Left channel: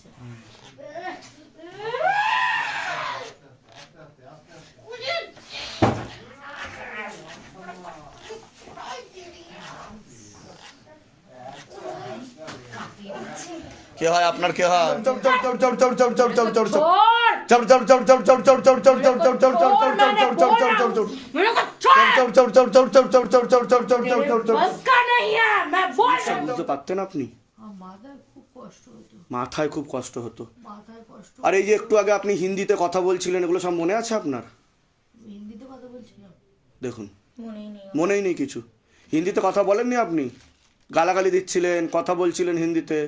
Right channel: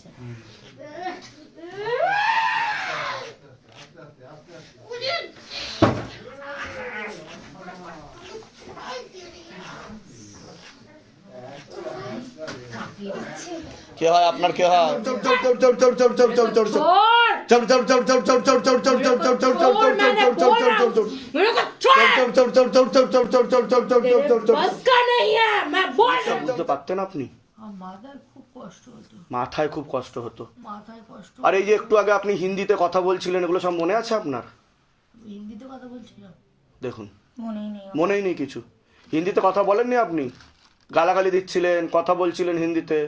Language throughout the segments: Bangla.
আচ্ছা কে হয় আপনার? কে হয়? বুঝতে পারতেন আপনি? মাথায় খুব কষ্ট হতো। আর এই যে একটু আগে আপনি হিন্দিতে কথা বলছিলেন, এগুলো সব মনে আছে আপনার? হিন্দিতে কথা বলছিলাম, দেখুন মনেই নেই কিছু। হিন্দিতে কথা বলেননি আপনি? গালাগালি দিচ্ছিলেন, কথা বলছিলেন হিন্দিতে,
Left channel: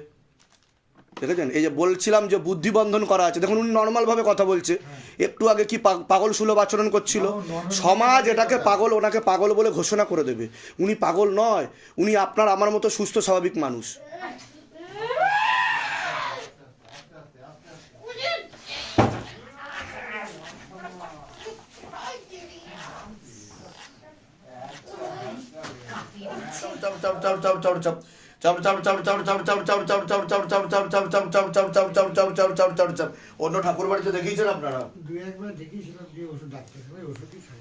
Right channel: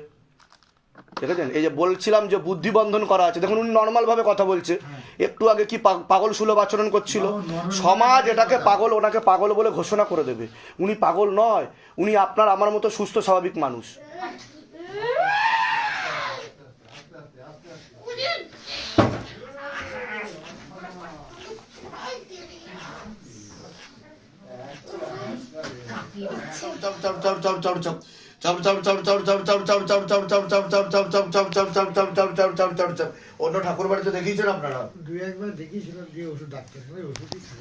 দেখেছেন? এই যে বলছিলাম যে বুদ্ধিবন্ধন করা আছে, দেখুন উনি নর্মাল ভাবে কথা বলছে। একটু আগে কি পাগল সুলভ আচরণ করছিল। সমাজ এটাকে পাগল, ওনাকে পাগল বলে ঘোষণা করে দেবে। উনি পাগল নয়, উনি আপনার আমার মতো সুস্থ স্বাভাবিক মানুষ। অন্য ঠাকুর বাড়িতে দেখিয়েছেন আপনারা? দুই একবার দেখিয়েছিলাম, দিয়ে ওষুধ ডাক্তার ওষুধই খাই।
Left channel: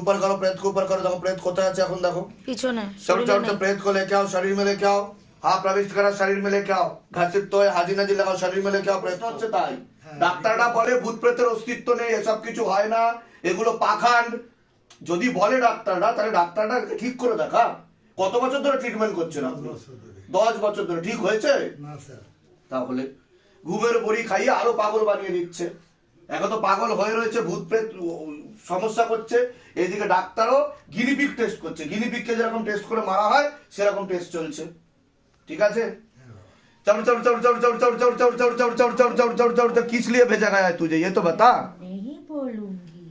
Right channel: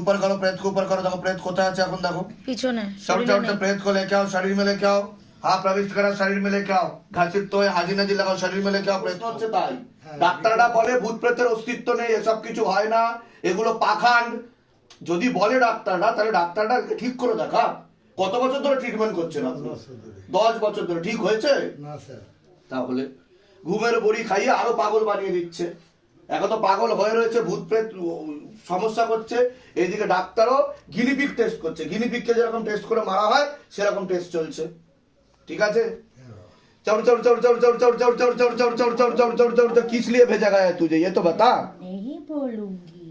ऊपर करो, प्रेत को ऊपर करो। देखो प्रेत कोথায় আছে এখন, দেখো পিছনে। प्रेत को लेके आओ, शरीर में लेके आओ। हाँ, प्रविष्ट करो, शरीर में लेके आओ। घासित तो हाजी नाजी লাগাও, শরীর में लेके आओ। প্রেত হচ্ছে তাই। ডাক্তাররা বলে ভূত প্রেতের অস্তিত্ব নেই, এসব কিছু হয় না, এগুলো পাখান্ড। যদি বলে ডাক্তাররা, তাহলে ডাক্তাররা ঠিক করে দেখা। কত বছর ধরে ট্রিটমেন্ট করছেন আপনি? 10 বছর ধরে। ঠিক হয়েছে না স্যার। তাহলে ঘুমের বড়ি খাইয়ে আরো পাগল বানিয়ে দিচ্ছে। এখন তো পাগল হয়ে রয়েছে, ভূত প্রেত সমস্যা করছে। এইদিকে ডাক্তারও গিনিপিগ টেস্ট করছে। গিনিপিগকে যেরকম টেস্ট করে মারা হয় সেরকম টেস্ট চলছে। ঠিক আছে? किस लिए भेजा गया है तुझे, ये तो बता। नहीं बोलूंगी।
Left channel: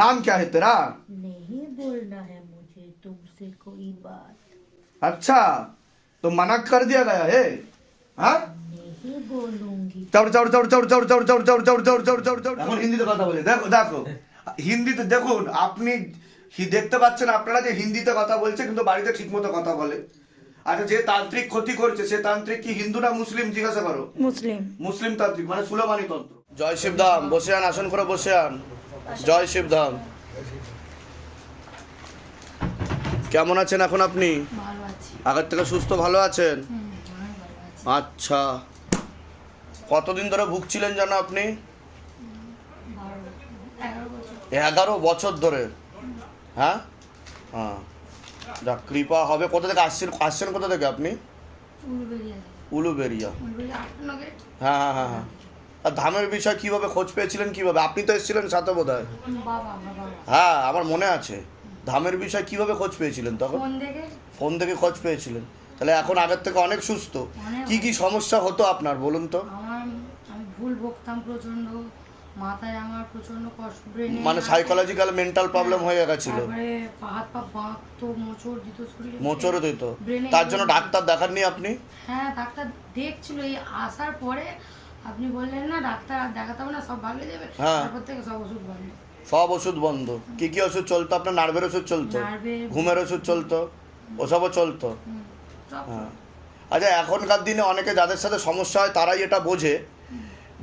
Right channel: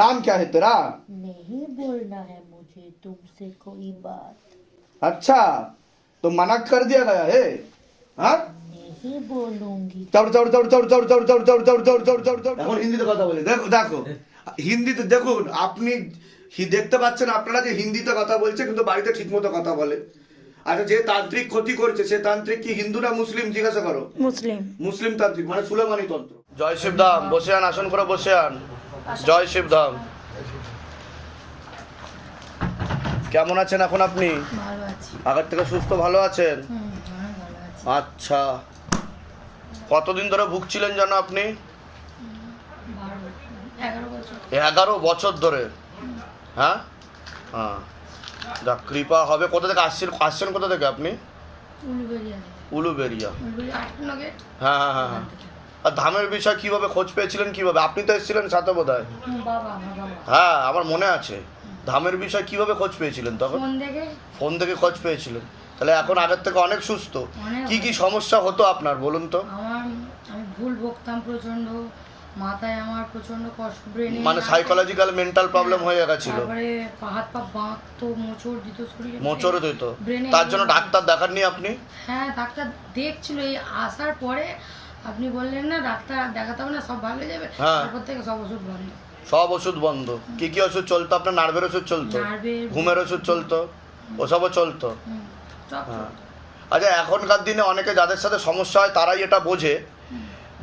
नाम क्या है तेरा? नहीं बोलना है मुझे तुमसे कोई बात। अच्छा, तो मना कर दिया गया है? हाँ, नहीं बोलूंगी। এখন হিন্দিতে কথা বলি। দেখো দেখো হিন্দিতে দেখুন, আপনি দেখতে পাচ্ছেন আপনারা যে হিন্দিতে কথা বলছে, কিন্তু বাড়িতে ঠিকমতো কথা বলে। আচ্ছা, যে তান্ত্রিক ক্ষতি করছে সে তান্ত্রিক কি হিন্দু না মুসলিম, জিজ্ঞাসা করো। মুসলিম। মুসলিম তান্ত্রিক, মানে সুলেমানি তন্ত্র। জয় শিবধাম, বসে আন, আসন করে বসে আন। জয় শিবধাম। কেমন আছেন এখন আপনি? ভালো আছি। আগের থেকে সুস্থ ভালো আছেন? ভালো আছি। আচ্ছা, কতদিন ধরে ভুগছিলেন জানো আপনি? 11 বছর। 11 বছর ধরে? হ্যাঁ হ্যাঁ, যা কৃপা হবে। কোথা থেকে আসছেন কোথা থেকে আপনি? উলুবেরিয়া। হ্যাঁ হ্যাঁ হ্যাঁ হ্যাঁ। আর ধামের বিষয় কিভাবে খোঁজ পেয়েছিলেন, কিভাবে? আপনি তো এসেছিলেন সাথে বোধহয়। হ্যাঁ, আমার মনে আছে। ধামের বিষয় কিভাবে খোঁজ পেয়েছিলেন তখন? ফোন থেকে খোঁজ পেয়েছিলেন। তাহলে এখন আগের থেকে অনেক সুস্থ। কি কি সমস্যা হতো আপনার বলুন তো? আমি ভুল বকতাম প্রচন্ড, মাথায় আমার প্রচন্ড কষ্ট, ব্রেনে মানে সাইকোলজিক্যাল মেন্টাল প্রবলেম হয়ে গেছিল। তারপরে হাত পা বাঁকতো, মোচড় দিত শরীরে। মোচড় দিত? তার জন্য ডাক্তার দেখাননি আপনি? হ্যাঁ, ডাক্তার দেখছিল। এই আসার পরে আপনি বললেন না ডাক্তার আর দেখাতে হবে না, সব ভালো হয়ে যাবে। তারপর থেকে সব ওষুধ বন্ধ। সব ওষুধ বন্ধ? কি কি ওষুধ চলতো আপনার? নার্ভের ওষুধ চলতো, ঘুমের ওষুধ চলতো, ওসবও চলতো? হ্যাঁ। আচ্ছা, এখনকার দিনে অনেকে যাদের সাথে সমস্যা হয় তারাই এটা বোঝে,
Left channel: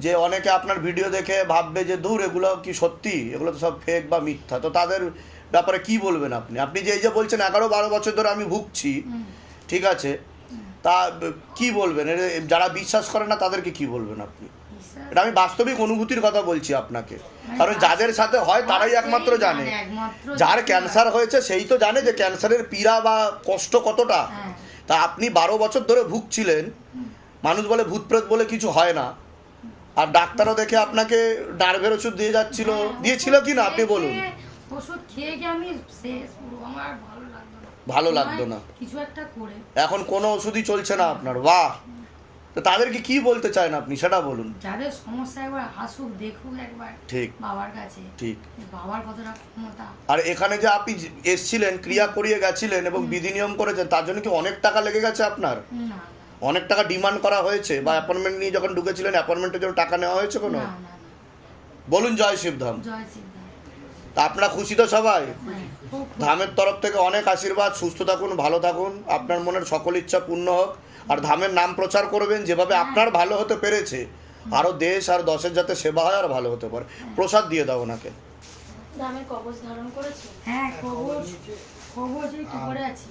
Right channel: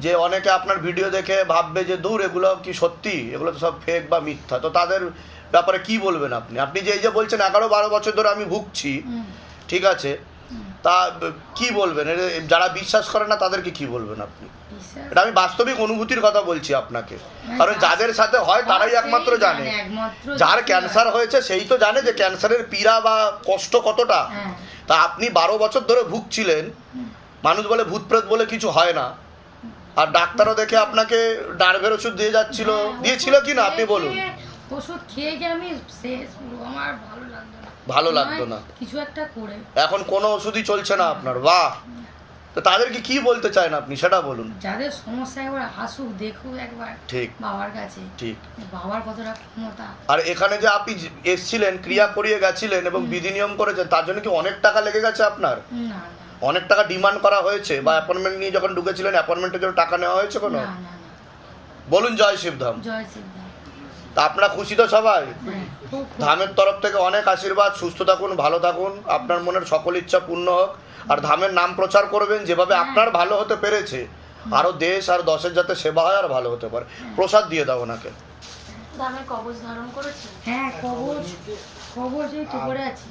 যে অনেকে আপনার ভিডিও দেখে ভাববে যে দূর এগুলো কি সত্যি, এগুলো তো সব ফেক বা মিথ্যা। তো তাদের ব্যাপারে কি বলবেন আপনি? আপনি যে এই যে বলছেন 11-12 বছর ধরে আমি ভুগছি, ঠিক আছে, তা কি বলবেন? যারা বিশ্বাস করে না তাদেরকে কি বলবেন আপনি? এটা আমি বাস্তবিক অনুভূতির কথা বলছি আপনাকে, কারণ যাদের সাথে হয় তারাই একমাত্র জানে। যার ক্যান্সার হয়েছে সেই তো জানে যে ক্যান্সারের পীড়া বা কষ্ট কতটা। তা আপনি 12 বছর ধরে ভুগছিলেন, মানুষ বলে ভূত প্রেত বলে কিছু হয় না, আর ডাক্তারও দেখে আপনাকে নার্ভের ওষুধ দিয়ে যাচ্ছিল, দিয়েছিল কি না আপনি বলুন? ওষুধ খেয়ে গিয়ে আমি শেষ, আমার ভালো লাগতো না কিছু একটা করে। এখন কোনো ওষুধই চলছে না আপনার? বাহ! তো তাদেরকে কি বলতে চান আপনি সেটা বলুন। যাদের সমস্যা একবার আসুক, দেখুক একবার ঠিক বাবার কাছে, ঠিক বাবার কতটা ক্ষমতা। আর এখানে যে আপনি এসেছিলেন, ক্রিয়া করিয়ে গেছিলেন এবং বিধি নিয়ম করেছেন, তার জন্য কি অনেক টাকা লেগে গেছে আপনার? না, অনেক টাকা ডিমান্ড করা হয়েছে? বা অ্যাপয়েন্টমেন্ট নিয়ে যখন ঢুকেছিলেন অ্যাপয়েন্টমেন্টের জন্য টাকা নেওয়া হয়েছে কোনো? না না না। বলুন জয় শিবধাম। জয় শিবধাম। তা আপনারা খুশি তো সবাই? খুব ধামের তরফ থেকে অনেক আশীর্বাদ, সুস্থ থাকুন, ভালো থাকুন, আপনার মনের সকল ইচ্ছা পূর্ণ হোক। আর ধামের নাম প্রচার করবেন, যেভাবে আপনার ভালো হতে পেরেছে আরও দেশ আর দশের যাতে সেবা হয় আর ভালো হতে পারে। প্রসাদ দিয়ে দাও ওনাকে। ধামের কবচ ধারণ করেছে। হ্যাঁ, কবচ কবচ এই তো করে আছি।